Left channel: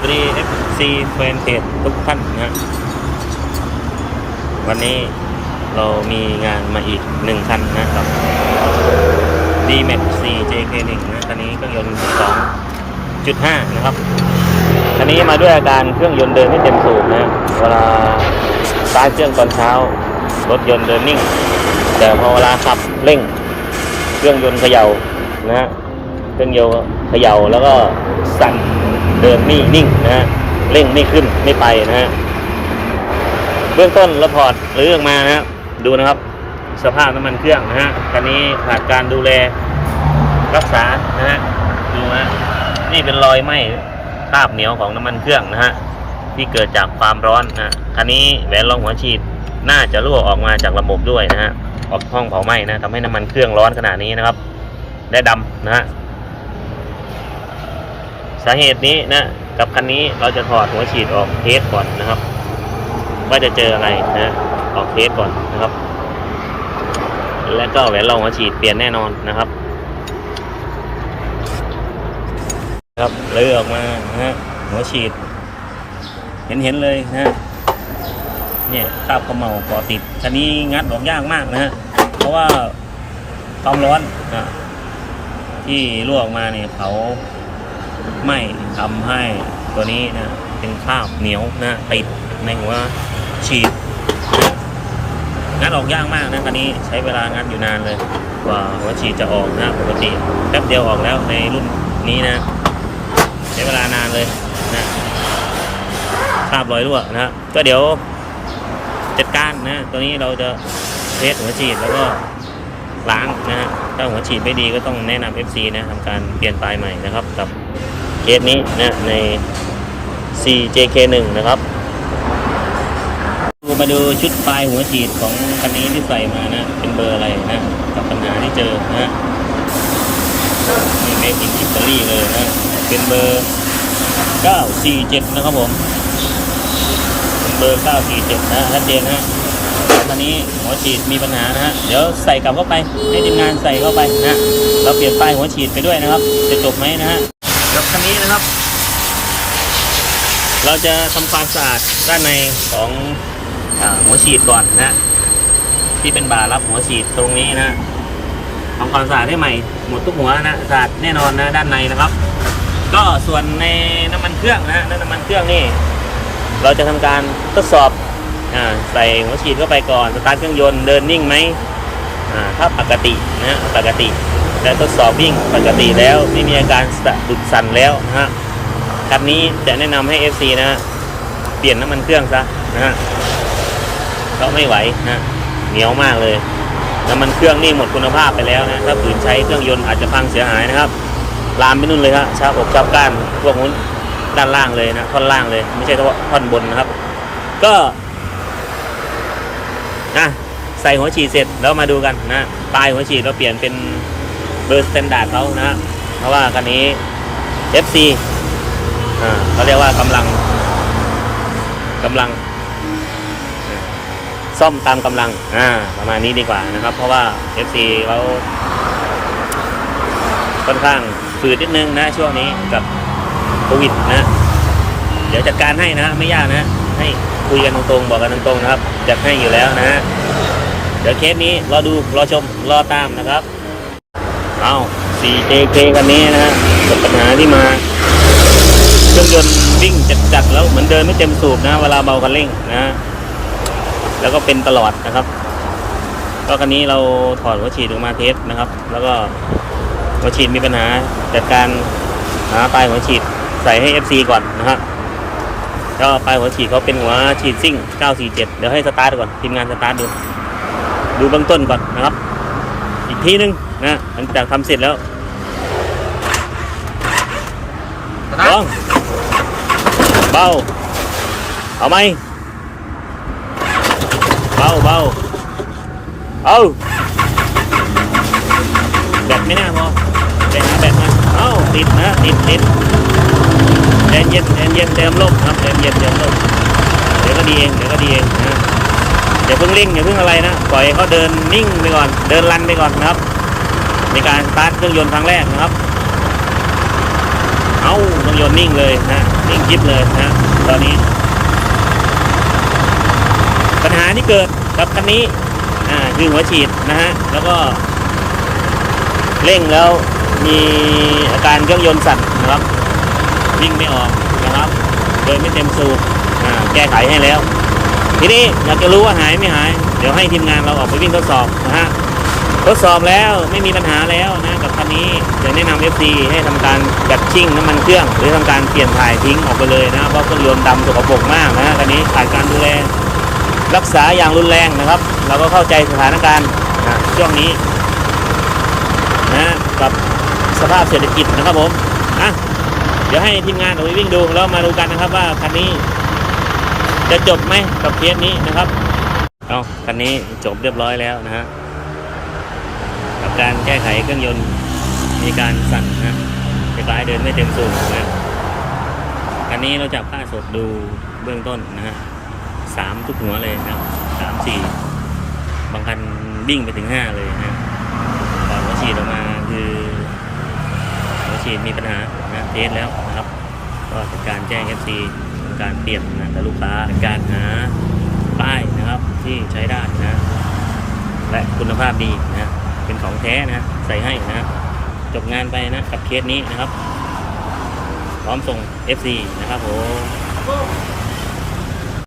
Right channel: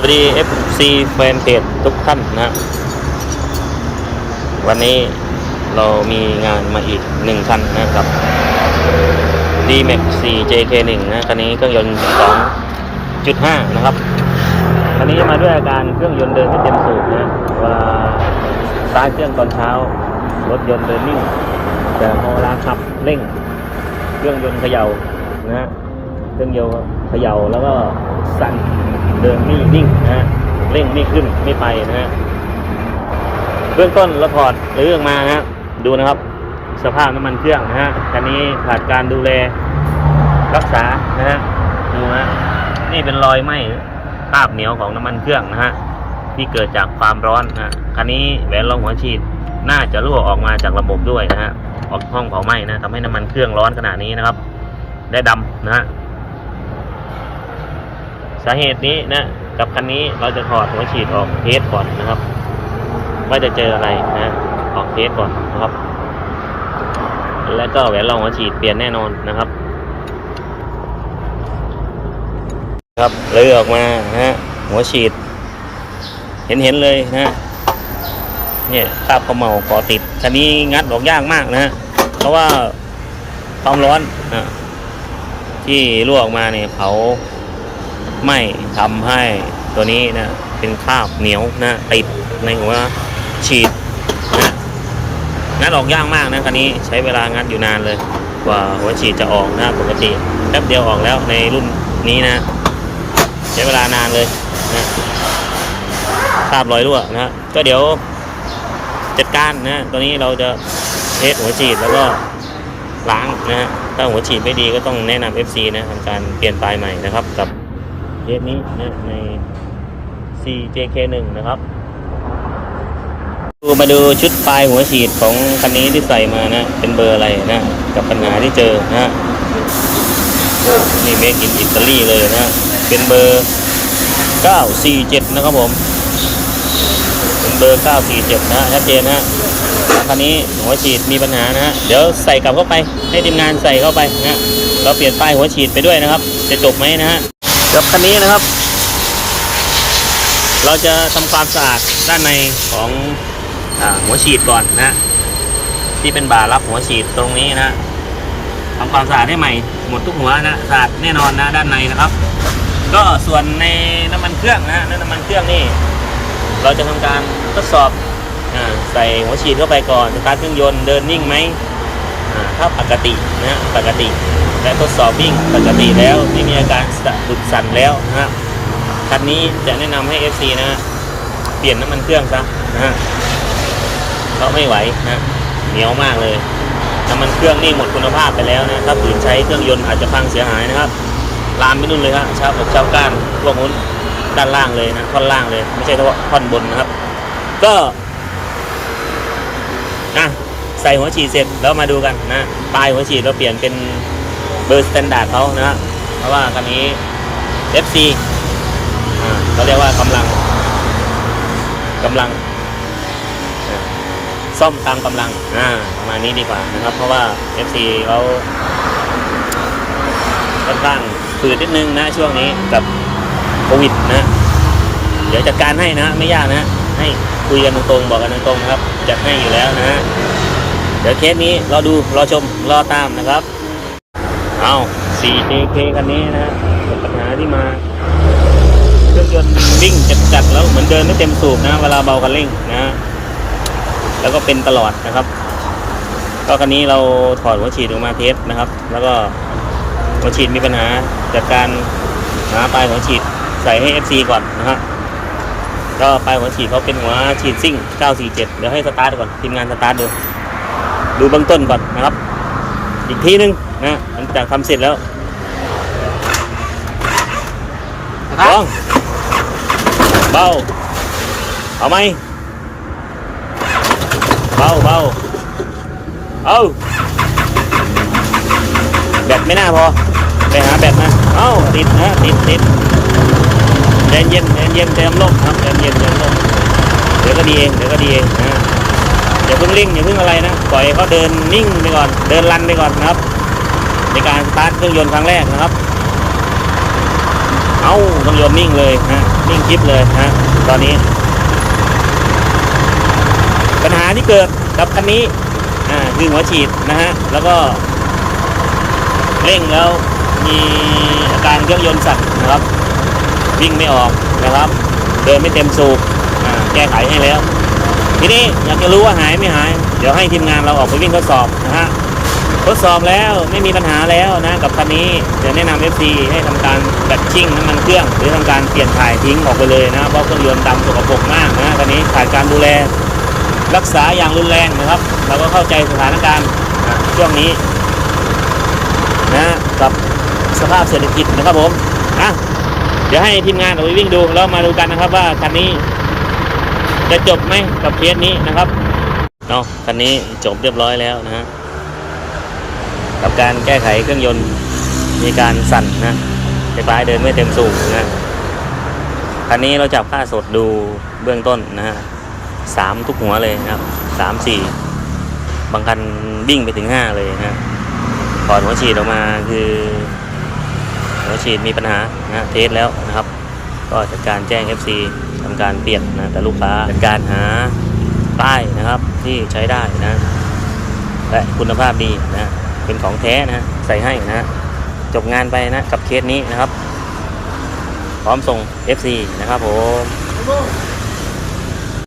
สวัสดี FC แฟนเพจทุกท่านนะวันนี้เรามีงานมาอีกหนึ่งคันนะครับ d m a x 4 JK1 นะคันนี้เครื่องยนต์ 2.5 นะครับคันนี้มาด้วยอาการเครื่องยนต์เดินไม่เต็มสูบนะ เวลาสตาร์ทเครื่องตอนเช้า รถยนต์เดินนิ่ง แต่พอเวลาขับเร่ง เครื่องยนต์เขย่านะเครื่องยนต์เขย่าแล้วก็สั่น เดินไม่นิ่งนะฮะเร่งไม่ขึ้นไม่ไปนะฮะเบื้องต้นเราถอดหรือออกมานะครับดูนะครับ สภาพน้ำมันเครื่องนะฮะคันนี้ขาดการดูแลรักษานะฮะดูนะนี่เป็นรอยไหม้คราบเหนียวของน้ำมันเครื่องนะฮะที่เกิดจากความร้อนนะฮะคันนี้แหวนรองหัวฉีดน่าจะรั่วออกมาจากระบบด้วยนะฮะออกห้องเผาไหม้นะทำให้น้ำมันเครื่องร้อนขนาดนี้นะครับ ได้ดำนะฮะ สาเหตุนี้นะกับคันนี้เราจะถอดหัวฉีดออกเทสก่อนนะครับว่าจะเจออะไรนะออกเทสก่อนนะครับ แล้วก็แหวนรองหัวฉีดเปลี่ยนแน่นอนนะครับ ครับเลยออกมานะฮะหัวฉีด เห็นเห็นเลยนะฮะเนี่ยคราบเขมเหลาก่อติดคันนี้งัดออกยากมากนะฮะเพราะว่าความร้อนนะที่รั่วออกมาเนี่ยเผา ไม่ทำให้ตัวนี้นะเป็นคราบเหนียวนะติดในหัวฉีดนะงัดออกยากมากนะคันนี้ใช้เวลางัดอยู่นานเลย กว่าหัวฉีดจะออกนะปกติแป๊บเดียวออกแล้วในรุ่นนี้นะ ใช้เวลานานเลยนะคราบรอยรั่วนะก็เดี๋ยวจัดการนะตัวนี้เราจะเทสหัวฉีดแล้วก็ล้างนะฮะถ้าหัวฉีดไม่ดีก็ต้องแนะนำ FC นะทำการเปลี่ยนปลายใหม่นะครับกับ เคสนี้นะใน CJK1 นะครับดูมาดูชุดปลายหัวฉีดของคันนี้ที่ใส่มานะ เป็นเบอร์อะไรนะ กับปัญหาที่เจอนะโอ้นี่เม e อินอิตาลีเลยนะ เป็นเบอร์ 947 นะครับผม เป็นเบอร์ 947 นะชัดเจนนะคันนี้หัวฉีดมีปัญหานะฮะเดี๋ยวใส่กลับเข้าไปให้ทีมงานใส่เข้าไปนะฮะเราเปลี่ยนป้ายหัวฉีดไปด้วยนะครับ จะจบไหมนะฮะ กับคันนี้นะครับ เราจะทำความสะอาดด้านในของอหัวฉีดก่อนนะ ที่เป็นบาร์รับหัวฉีดตรงนี้นะทำความสะอาดให้ใหม่หมดทุกหัวนะสะอาดแน่นอนนะด้านในนะครับ ก็ส่วนในน้ำมันเครื่องนะน้ำมันเครื่องนี่ เราจะทำการทดสอบอใส่หัวฉีดเข้าไปก่อนสตาร์ทเครื่องยนต์เดินนิ่งไหมถ้าปกตินะปกติ และทดสอบวิ่งปกติแล้ว ไม่มีอาการสะดุดสั่นแล้วนะฮะคันนี้จะแนะนำให้ FC นะฮะเปลี่ยนน้ำมันเครื่องซะนะฮะเพราไม่ไหวนะเหนียวมากเลยน้ำมันเครื่องนี่หมดคุณภาพไปแล้วนะถ้าฝืนใช้เครื่องยนต์อาจจะพังเสียหายนะครับลามไปนู่นเลยฮะชาบอกชาบก้านพวกนู้นด้านล่างเลยนะท่อนล่างเลย ไม่ใช่ท่อนบนนะครับ ก็นะใส่หัวฉีดเสร็จแล้วมาดูกันนะปลายหัวฉีดเราเปลี่ยนเป็น เบอร์สแตนดาร์ดเขานะเพราะว่าคันนี้ FC อ่าเขาเรียกว่ากำลังกำลังอ่าซ่อมตามกำลังอ่าประมาณนี้ดีกว่านะครับ เพราะว่า FC เขาค่อนข้างฝืดนิดนึงนะช่วงนี้กับโควิดนะ เดี๋ยวจัดการให้นะ ไม่ยากนะ ให้คุยกันตรงๆบอกกันตรงๆนะครับ จัดให้อยู่แล้วนะฮะเดี๋ยวเคสนี้รอดูรอชมรอตามนะครับ เอา 4JK คันนี้นะฮะปัญหาที่มาเครื่องยนต์วิ่งจัดๆแล้วเหมือนเดินไม่เต็มสูบนะ เวลาเบาคันเร่งนะ แล้วก็เป็นตลอดนะครับ ก็คันนี้เราถอดหัวฉีดออกมาเทสนะครับ แล้วก็หัวฉีดมีปัญหาจัดการหาปลายหัวฉีดใส่ให้ FC ก่อนนะฮะก็ปลายหัวฉีดเขาเป็นหัวฉีดซิ่ง 947 เดี๋ยวให้สตาร์ทก่อนทีมงานสตาร์ทดู ดูเบื้องต้นก่อนนะครับ อีกทีนึง นะหลังจากทำเสร็จแล้วลองเบาเอาไหมเบาเบาเอาแบตไม่น่าพอ ไปหาแบตมาเอาติดนะติดติดแดนเย็นแดนเย็นเต็มลมครับแดนเย็นเต็มลมเดี๋ยวก็ดีเองเดี๋ยวก็ดีเองนะอย่าเพิ่งเร่งอย่าเพิ่งอะไรนะ ปล่อยให้เขาเดินนิ่งไปก่อน เดินรันไปก่อนนะครับ ในการสตาร์ทเครื่องยนต์ครั้งแรกนะครับ เอาเครื่องยนต์นิ่งเลยนะนิ่งคลิปเลยฮะตอนนี้ ปัญหาที่เกิดกับคันนี้อ่าคือหัวฉีดนะฮะแล้วก็เร่งแล้วมีอาการเครื่องยนต์สั่นนะครับ วิ่งไม่ออกนะครับ เดินไม่เต็มสูบอ่าแก้ไขให้แล้ว ทีนี้อยากจะรู้ว่าหายไม่หาย เดี๋ยวให้ทีมงานเราออกไปวิ่งทดสอบนะฮะ ทดสอบแล้วไม่มีปัญหาแล้วนะกับคันนี้เดี๋ยวแนะนำ FC ให้ทำการแบตชิ่งน้ำมันเครื่อง หรือทำการเปลี่ยนถ่ายทิ้งออกไปเลยนะเพราะเครื่องยนต์ดำสกปรกมากนะคันนี้ขาดการดูแล รักษาอย่างรุนแรงนะครับ เราก็เข้าใจสถานการณ์ช่วงนี้นะกับสภาพเศรษฐกิจนะครับผมอะเดี๋ยวให้ทีมงานออกไปวิ่งดูแล้วมาดูกันนะครับ ว่าคันนี้จะจบไหมกับเคสนี้นะครับเอาคันนี้จบเรียบร้อยแล้วนะฮะ กับการแก้ไขเครื่องยนต์มีการสั่นนะคล้าเดินไม่เต็มสูบนะคันนี้เราจับค่าสดดูเบื้องต้นนะฮะสามทุกหัวเลยนะครับสามสี่บางคันวิ่งไปถึงห้าเลยนะฮะถอดหัวฉีดออกมาคือ หัวฉีดมีปัญหานะเทสแล้วนะครับ ก็จัดการแจ้ง FC ทำการเปลี่ยนนะแต่ลูกค้าจัดการหาป้ายนะครับที่ใช้ได้นะ และคุณภาพดีนะ เป็นของแท้นะฮะใส่ให้นะฮะจบงานไปนะกับเคสนี้นะครับ พร้อมส่ง FC นะครับผม